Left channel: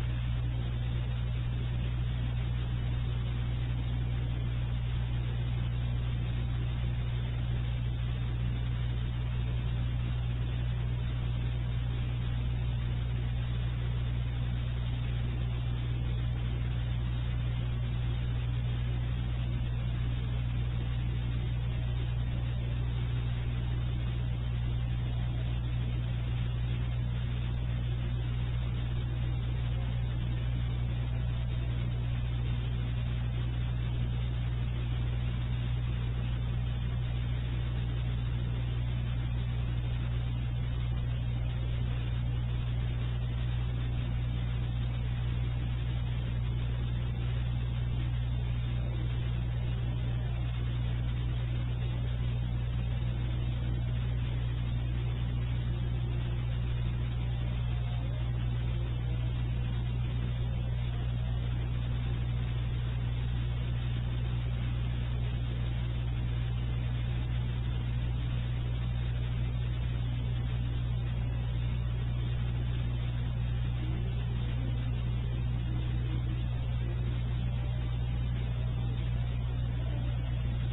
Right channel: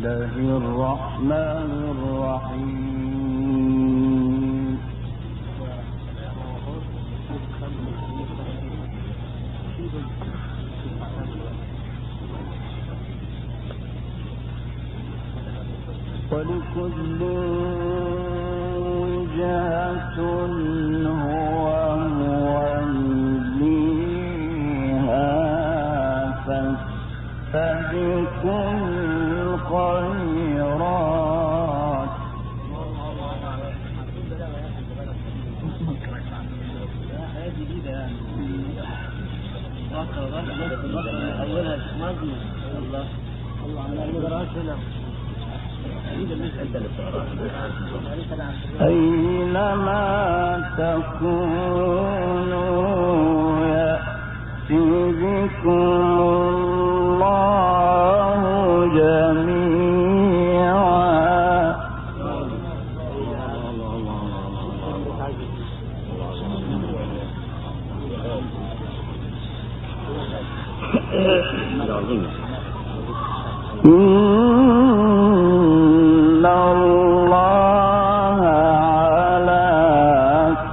الله الرحمن الرحيم. ولكل وجهة هو موليها فاستبقوا الخيرات. أينما تكونوا يأتي بكم الله جميعا. إن الله على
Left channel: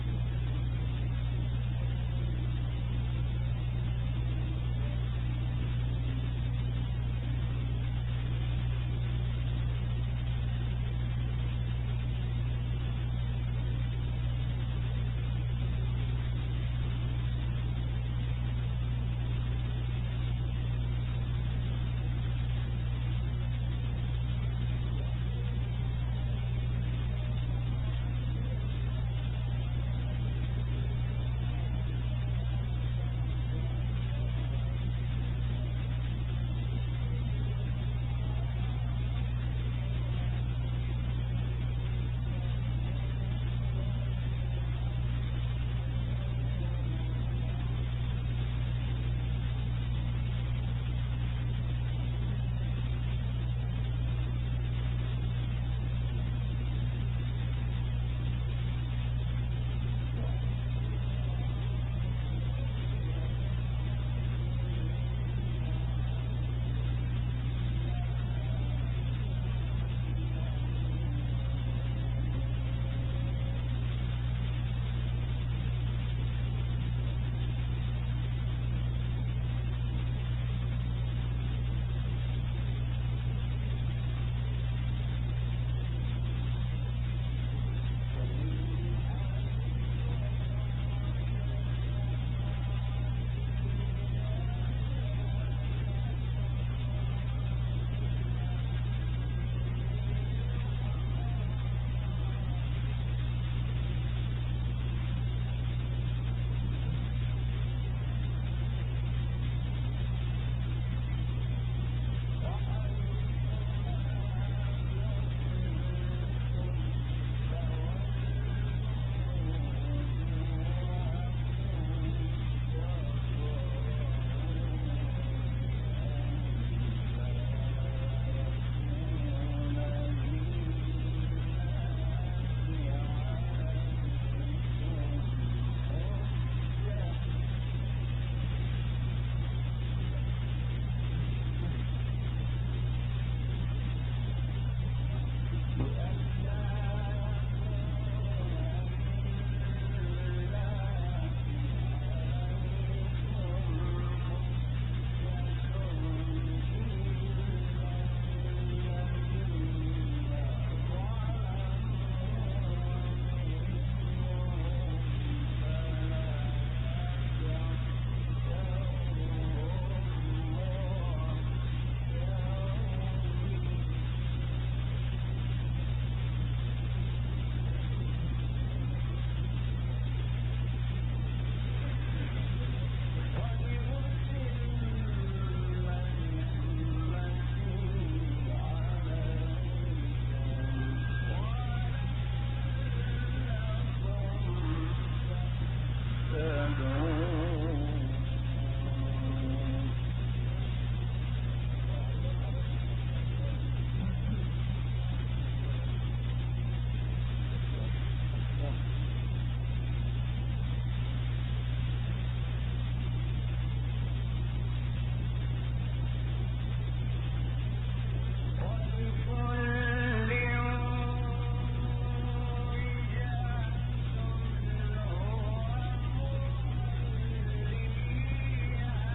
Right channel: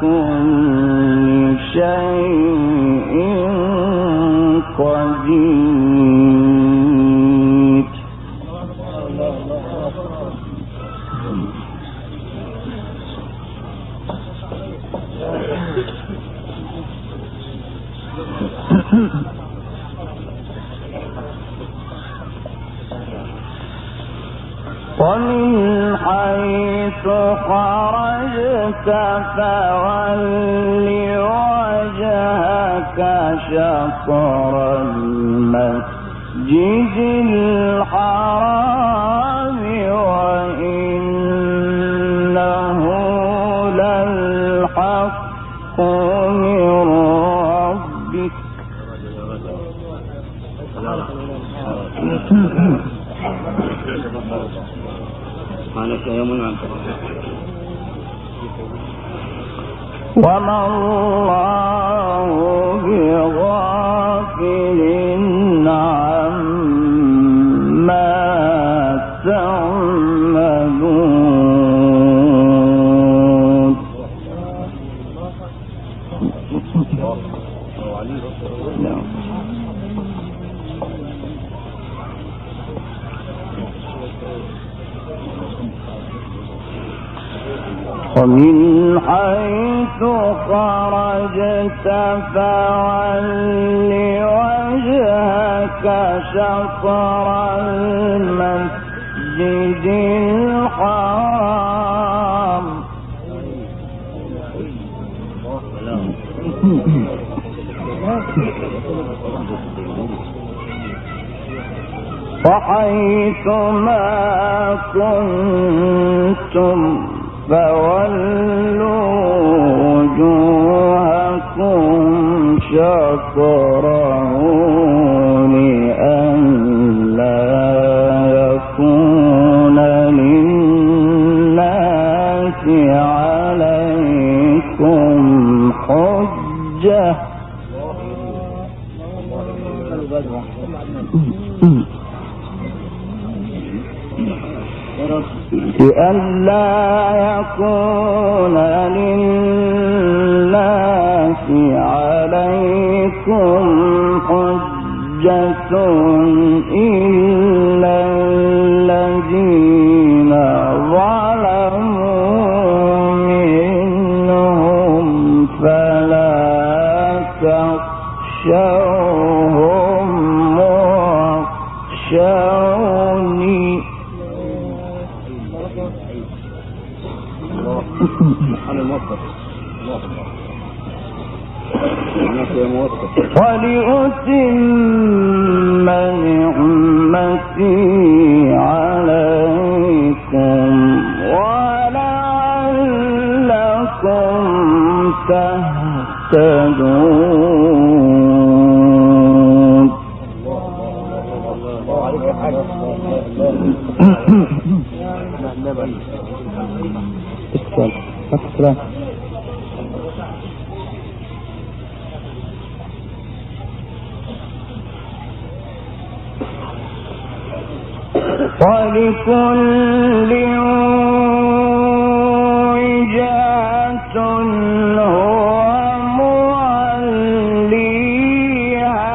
كل شيء قدير. ومن حيث خرجت فول وجهك شطر المسجد الحرام وإنه للحق من ربك. وما الله بغافل عما تعملون. ومن حيث خرجت فول وجهك شطر المسجد الحرام وحيث ما كنتم فولوا وجوهكم شطره لئلا يكون للناس عليكم حجة لئلا يكون للناس عليكم حجة إلا الذين ظلموا منهم فلا تخشوهم واخشوني. ولأتم نعمتي عليكم ولعلكم تهتدون. ولكل وجهة هو موليها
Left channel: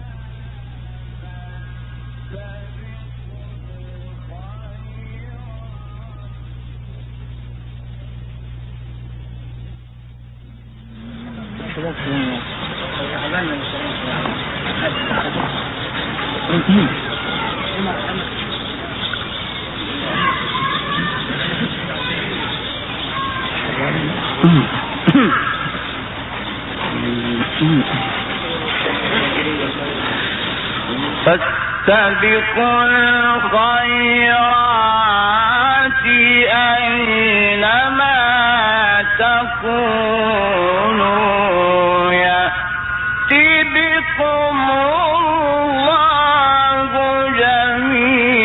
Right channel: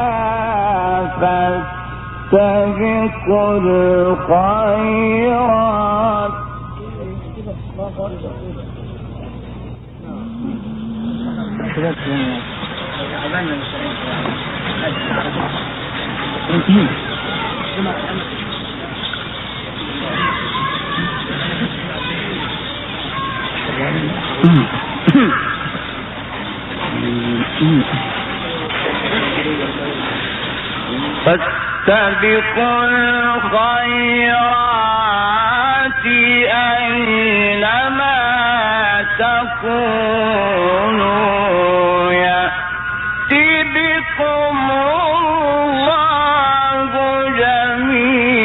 فاستبقوا الخيرات فاستبقوا الخيرات أينما تكونوا يأتي بكم الله جميعا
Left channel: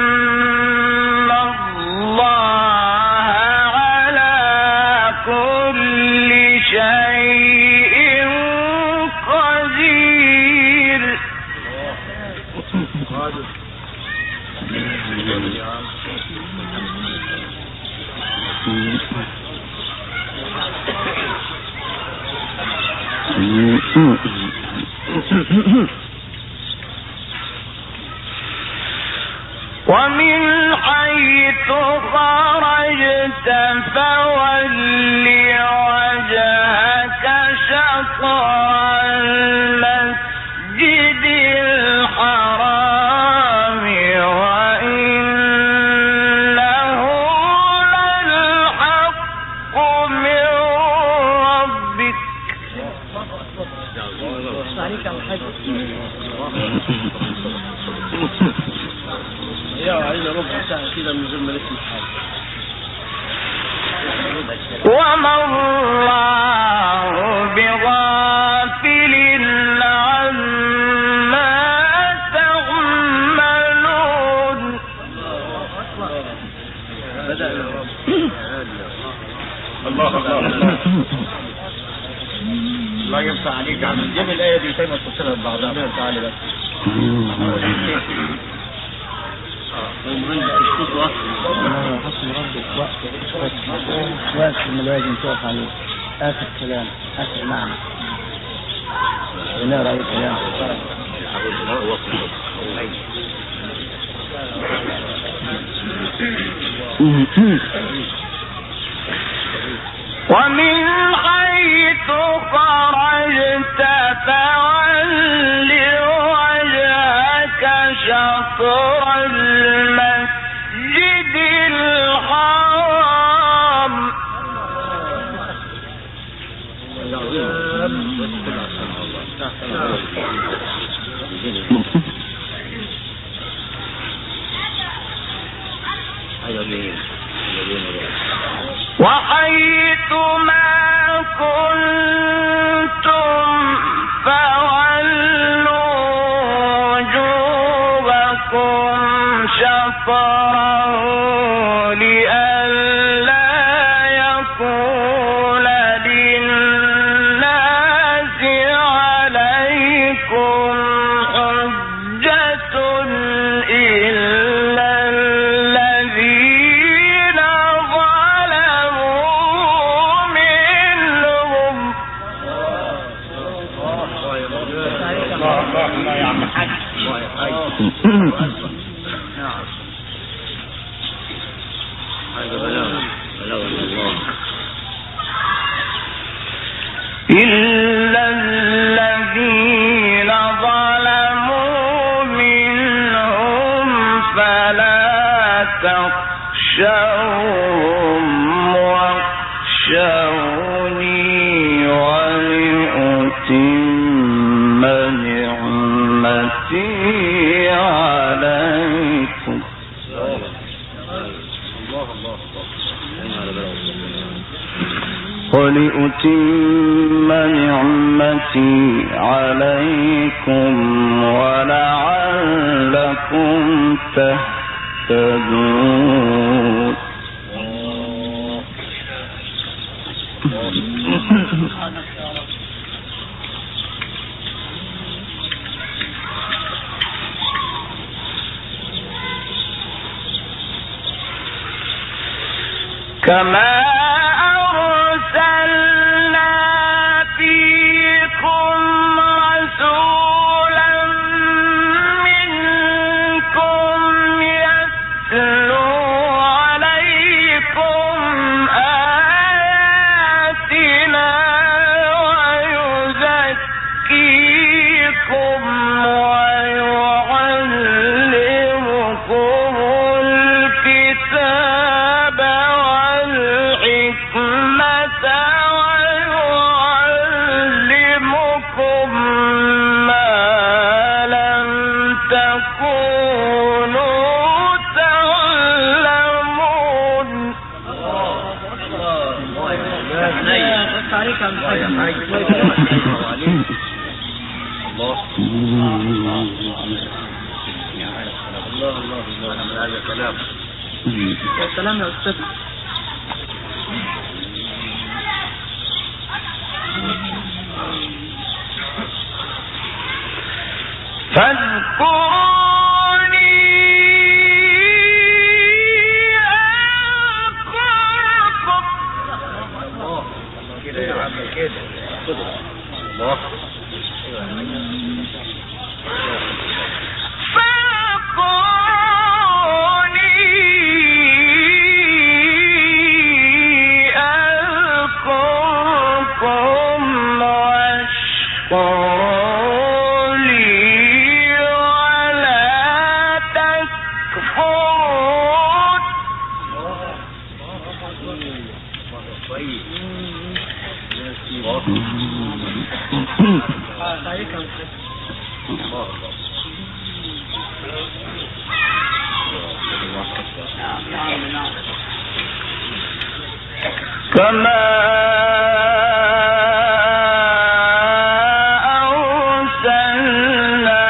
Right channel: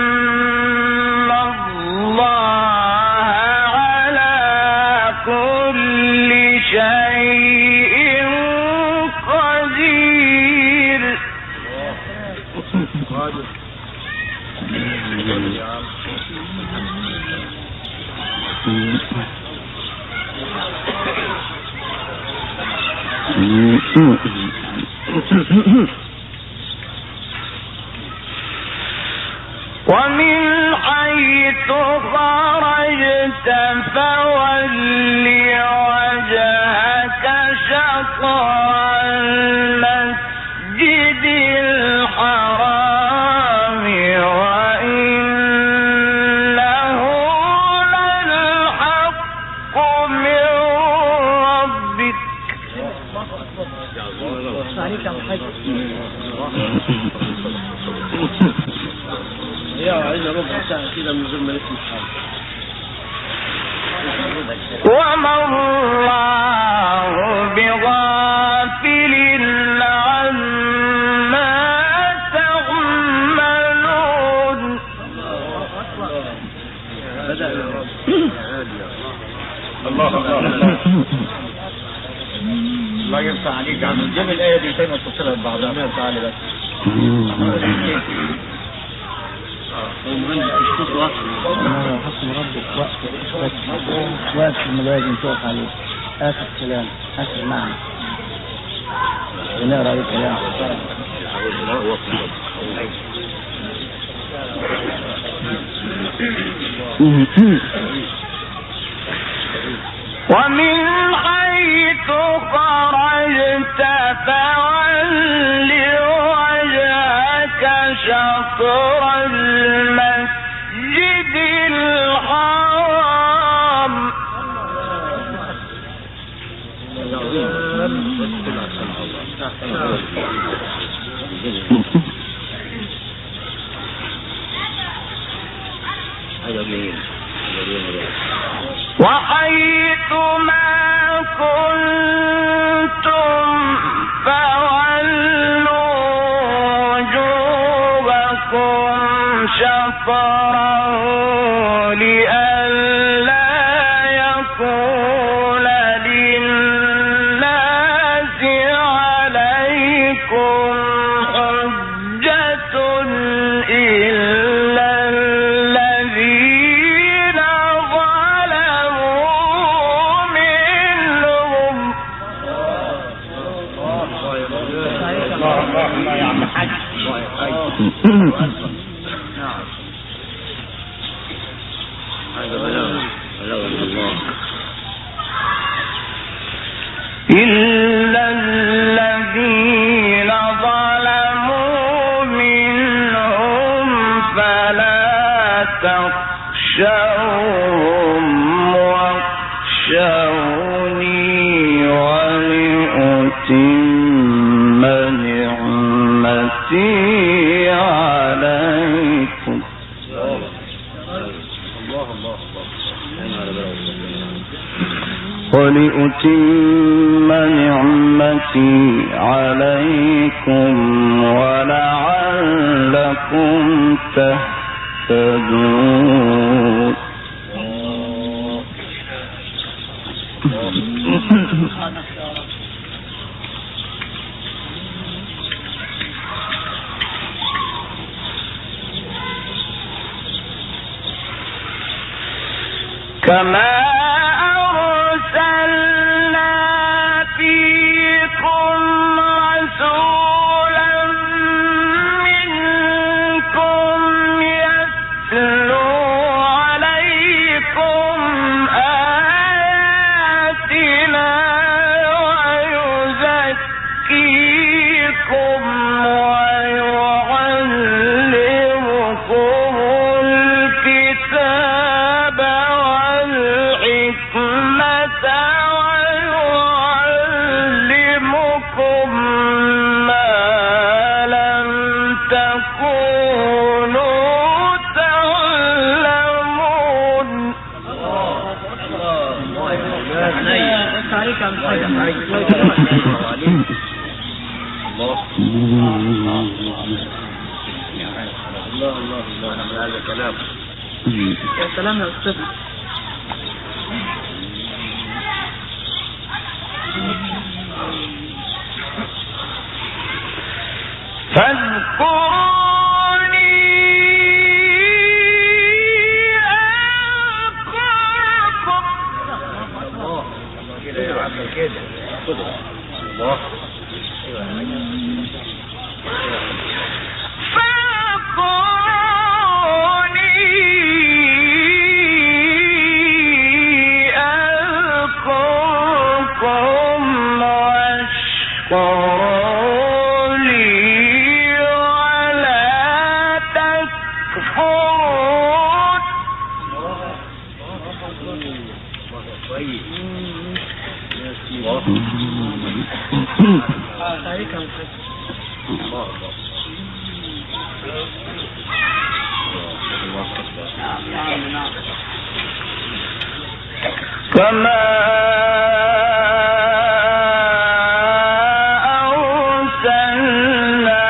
إن الله على كل شيء قدير ومن حيث خرجت فول وجهك شطر المسجد الحرام وإنه للحق من ربك وما الله بغافل عما تعملون الله يفتح عليك عم نجيب الآية دي تاني وتفسرها ببعضها تعالى بس حسن ربك وقت الملازم تقف عليه آخر كلام آخر معنى ونقرأ عليه كلام ومن حيث خرجت فول وجهك شطر المسجد الحرام وحيث ما كنتم فولوا وجوهكم شطره لئلا يكون للناس عليكم حجة إلا الذين ظلموا منهم الله يا عم حاج إلا الذين ظلموا منهم فلا تخشوهم واخشوني ولأتم نعمتي عليكم ولأتم نعمتي عليكم ولعلكم لعلكم تهتدون. كما أرسلنا فيكم رسولا منكم يتلو عليكم آياتنا ويزكيكم ويعلمكم الكتاب والحكمة ويعلمكم ما لم تكونوا تعلمون. هذا كلام. السلام يا أستاذ. فاذكروني أذكركم واشكروا لي ولا تكفرون. كما أرسلنا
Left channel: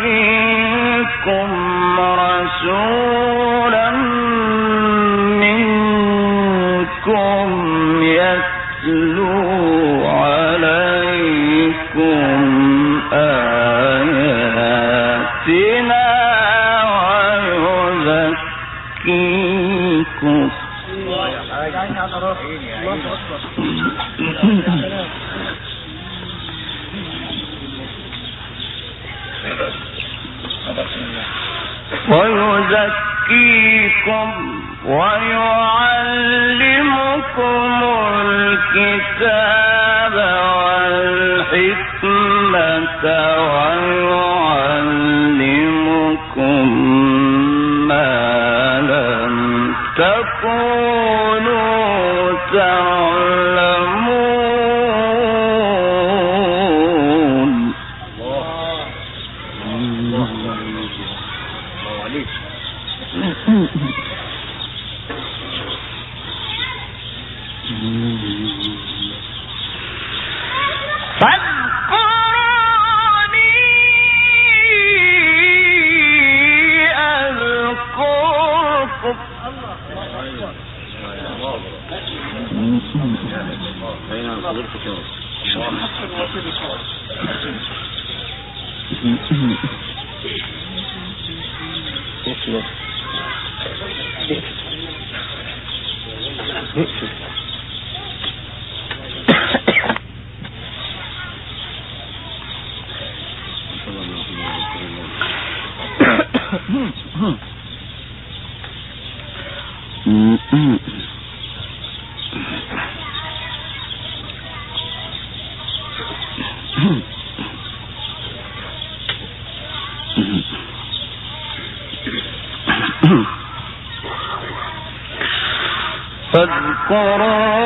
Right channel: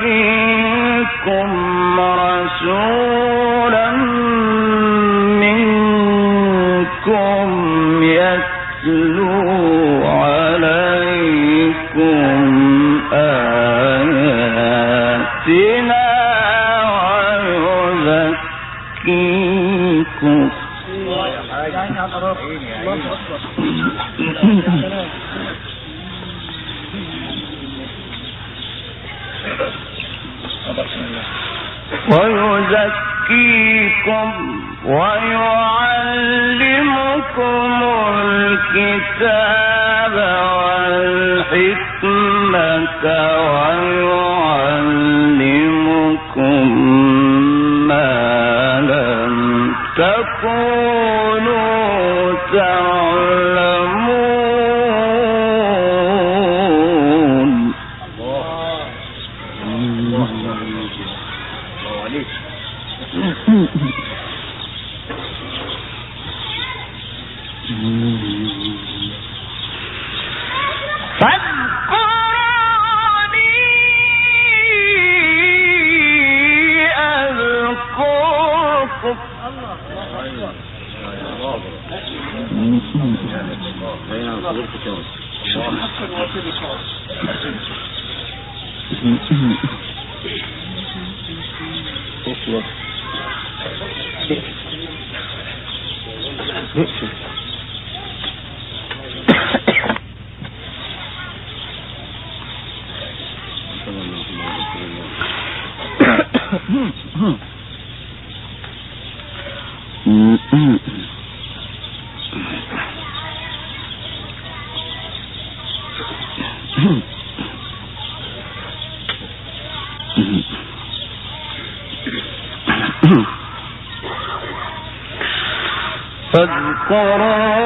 فيكم رسولا منكم يتلو عليكم آياتنا ويزكيكم. ويزكيكم ويعلمكم الكتاب والحكمة ويعلمكم ما لم تكونوا تعلمون. فاذكروني أذكركم.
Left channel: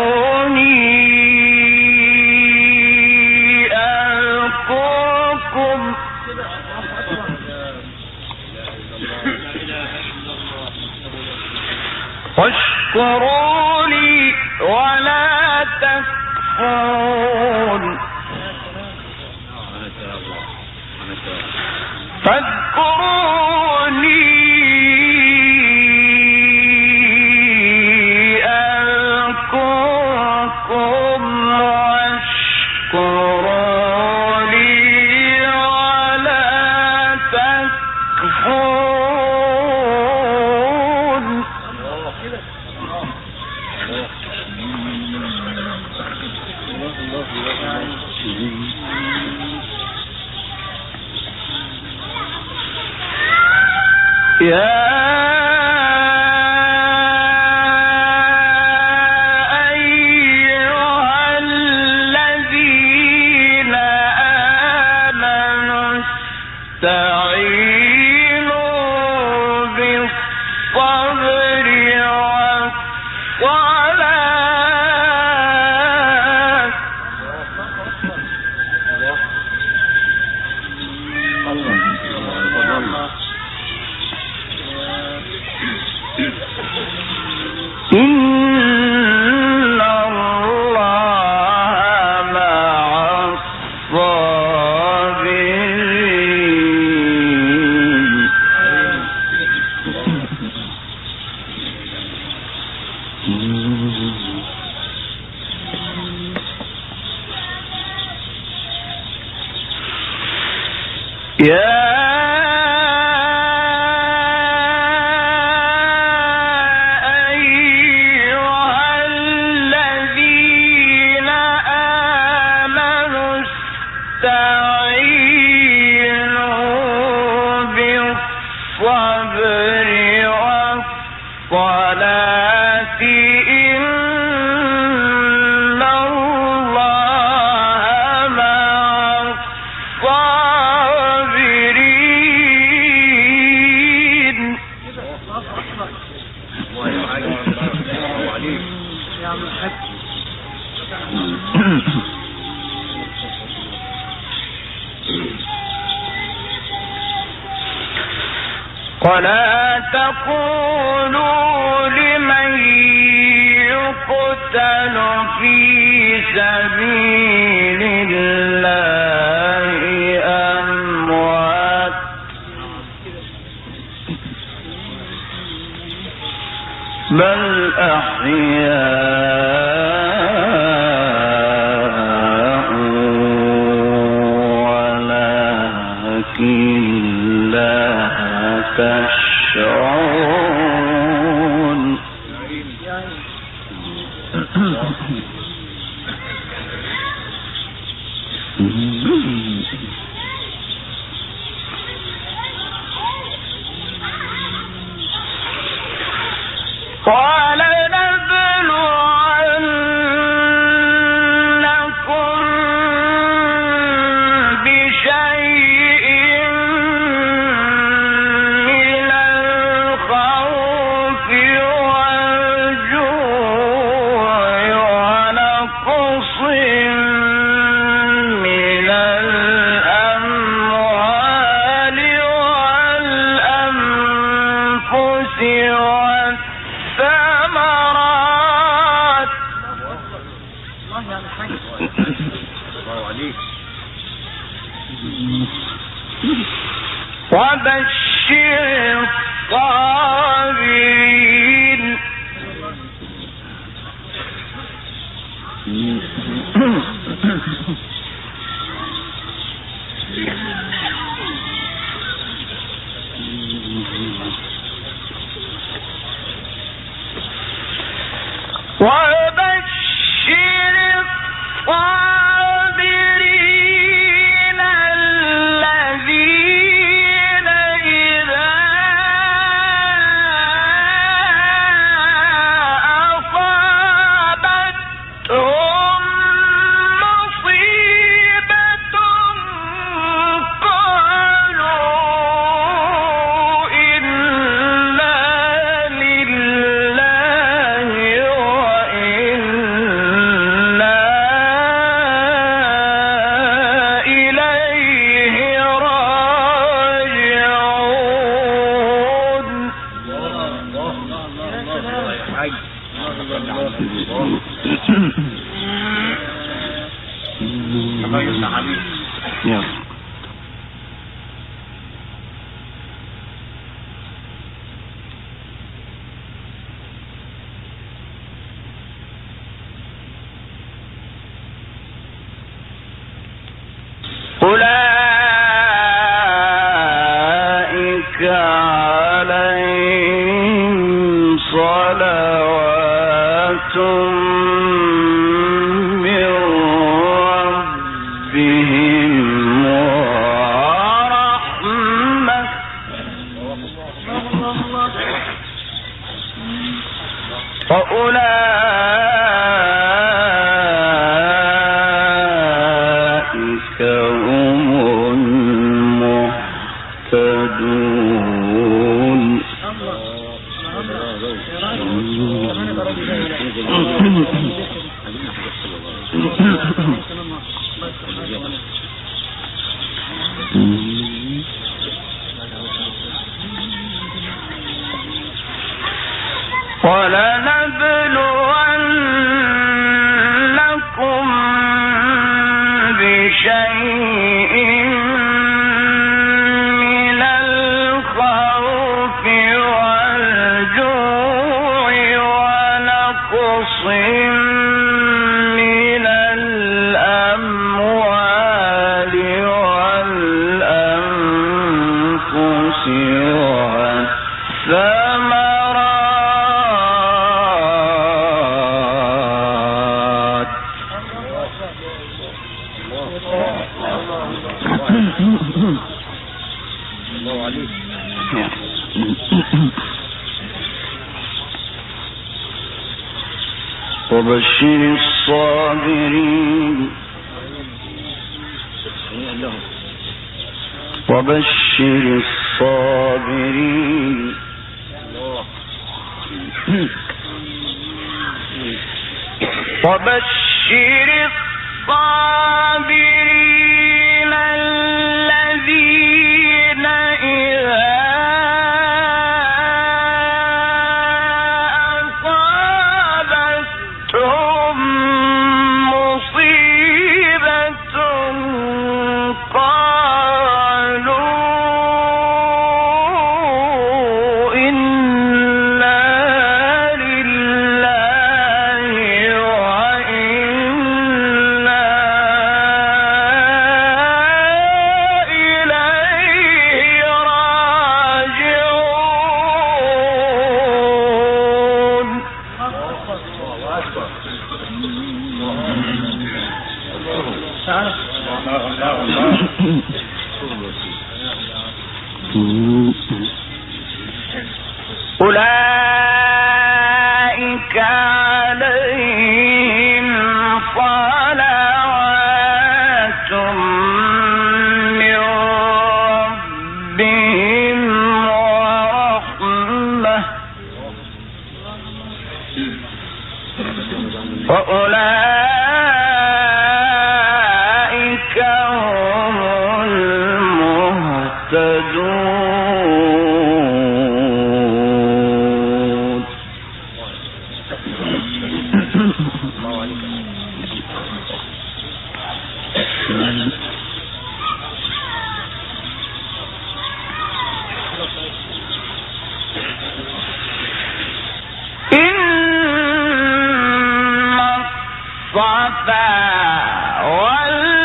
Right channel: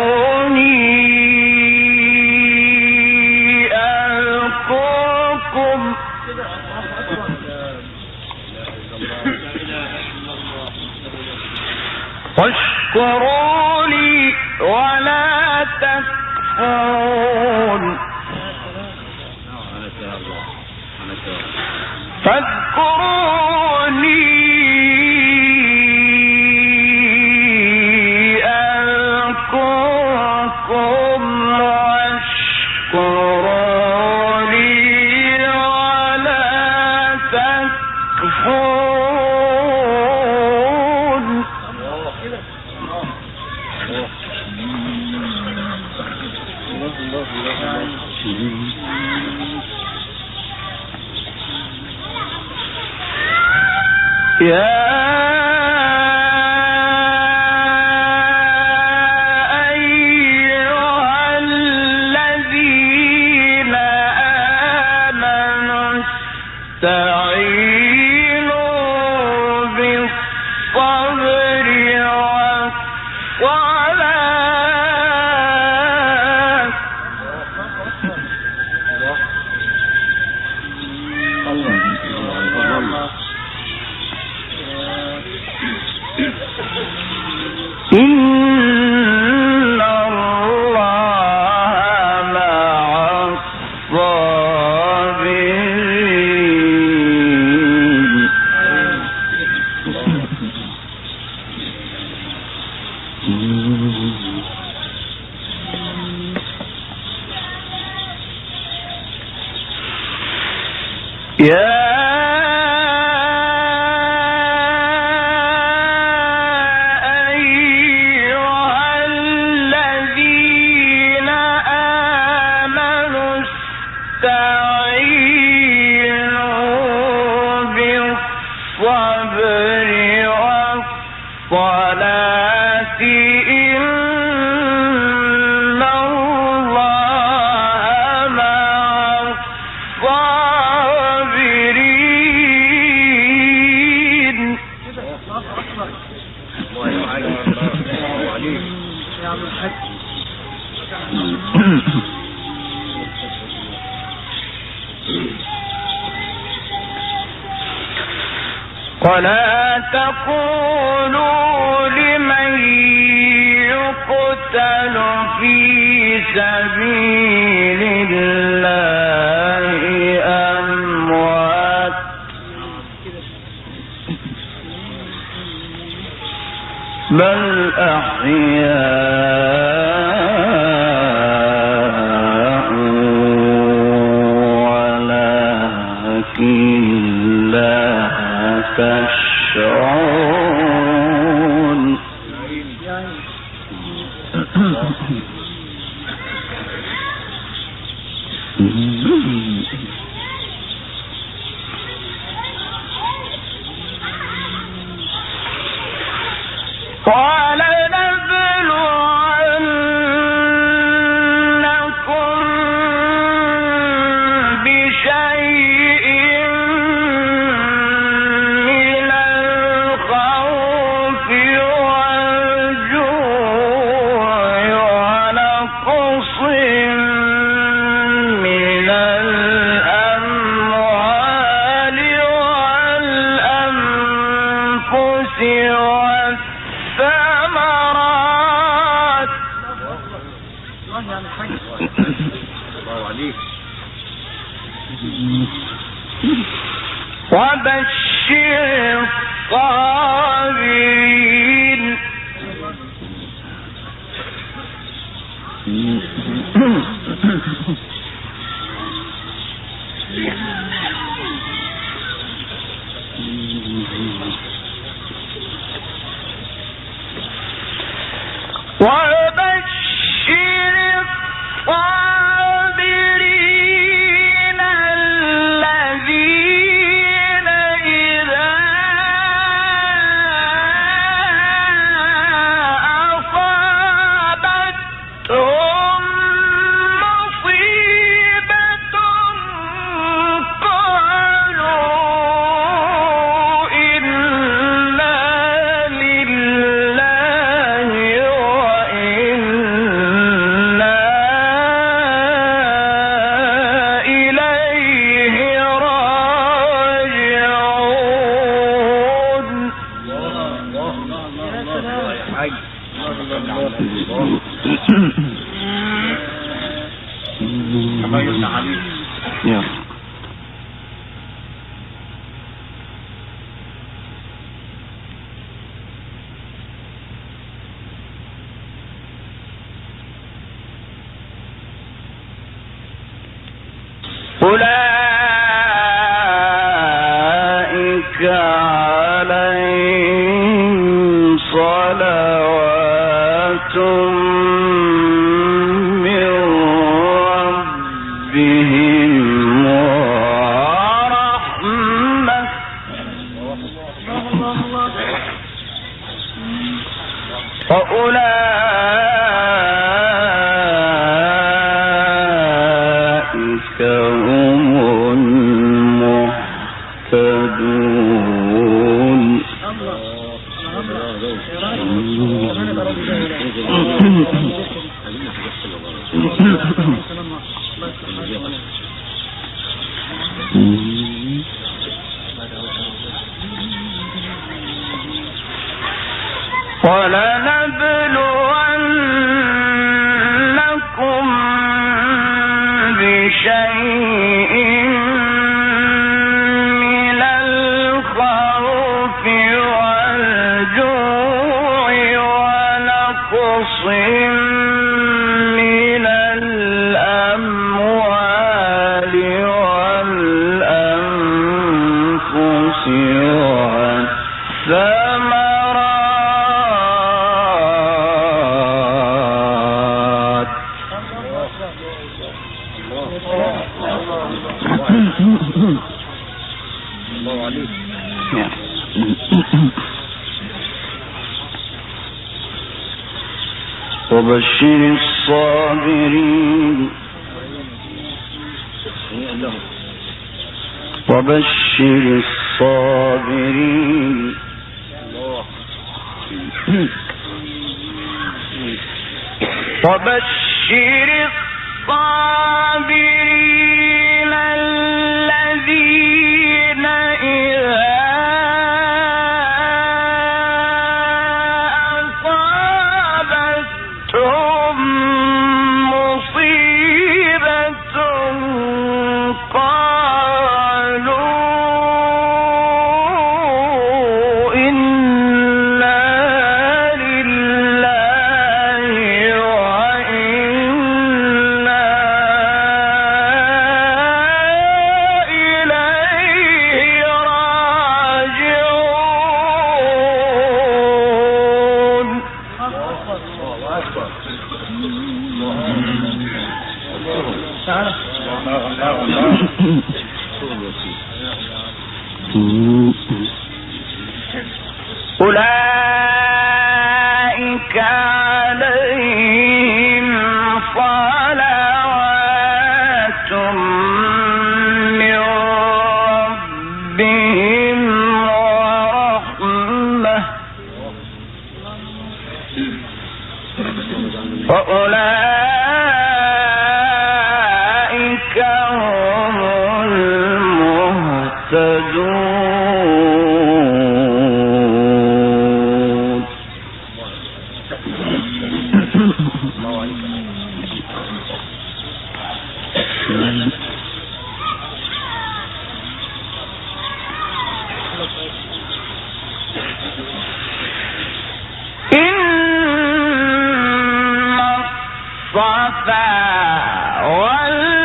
فاذكروني أذكركم واشكروا لي ولا تكفرون. فاذكروني أذكركم واشكروا لي ولا تكفرون. يا أيها الذين آمنوا استعينوا بالصبر والصلاة إن الله مع الصابرين. يا والصلاة إن الله مع الصابرين. ولا تقولوا لمن يقتل في سبيل الله أموات بل أحياء ولكن لا تشعرون. ولنبلونكم بشيء من الخوف والجوع ونقص من الأموال والأنفس والثمرات وبشر الصابرين. وبشر الصابرين الذين إذا أصابتهم مصيبة أولئك عليهم صلوات من ربهم ورحمة وأولئك هم المهتدون. ولنبلونكم بشيء من الخوف والجوع ونقص من الأموال والأنفس والثمرات. الله عليك. وبشر الصابرين وبشر الصابرين. وبشر الصابرين الذين إذا أصابتهم مصيبة قالوا إنا لله وإنا إليه راجعون. أولئك عليهم صلوات من ربهم ورحمة وأولئك هم المهتدون. إن الصفا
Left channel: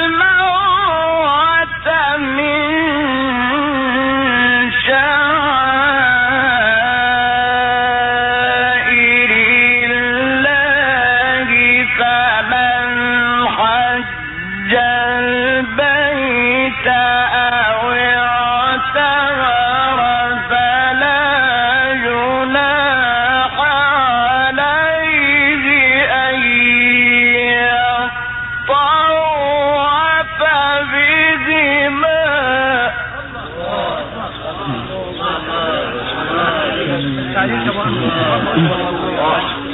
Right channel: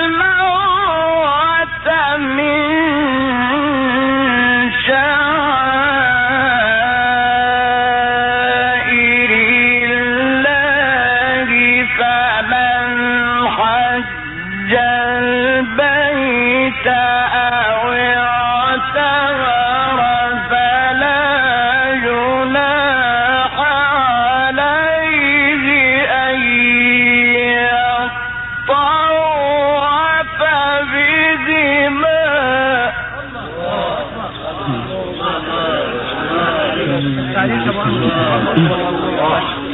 والمروة من شعائر الله فمن حج البيت أو اعتمر فلا جناح عليه أن يطوف بهما.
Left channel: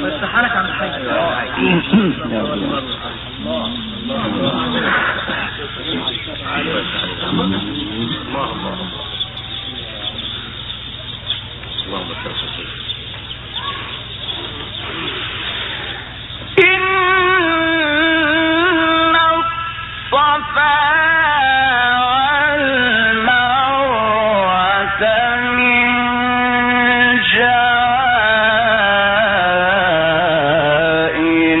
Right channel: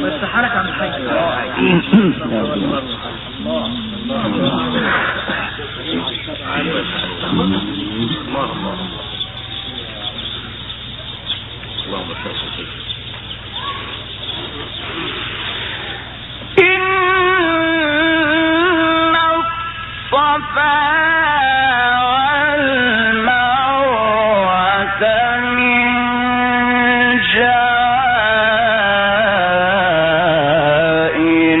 بس حالك عن حاجة. اللهم صل وسلم. إن الصفا والمروة من شعائر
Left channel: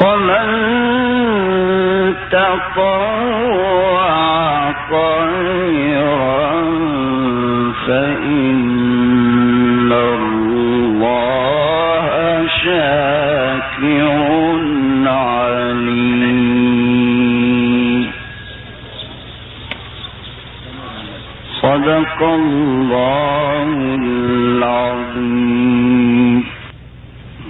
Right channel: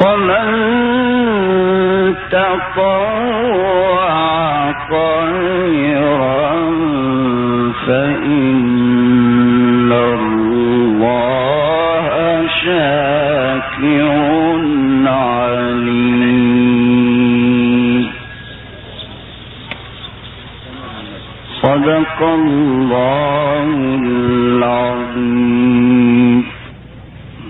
ومن تطوع خيرا فإن الله شاكر عليم. صدق الله العظيم.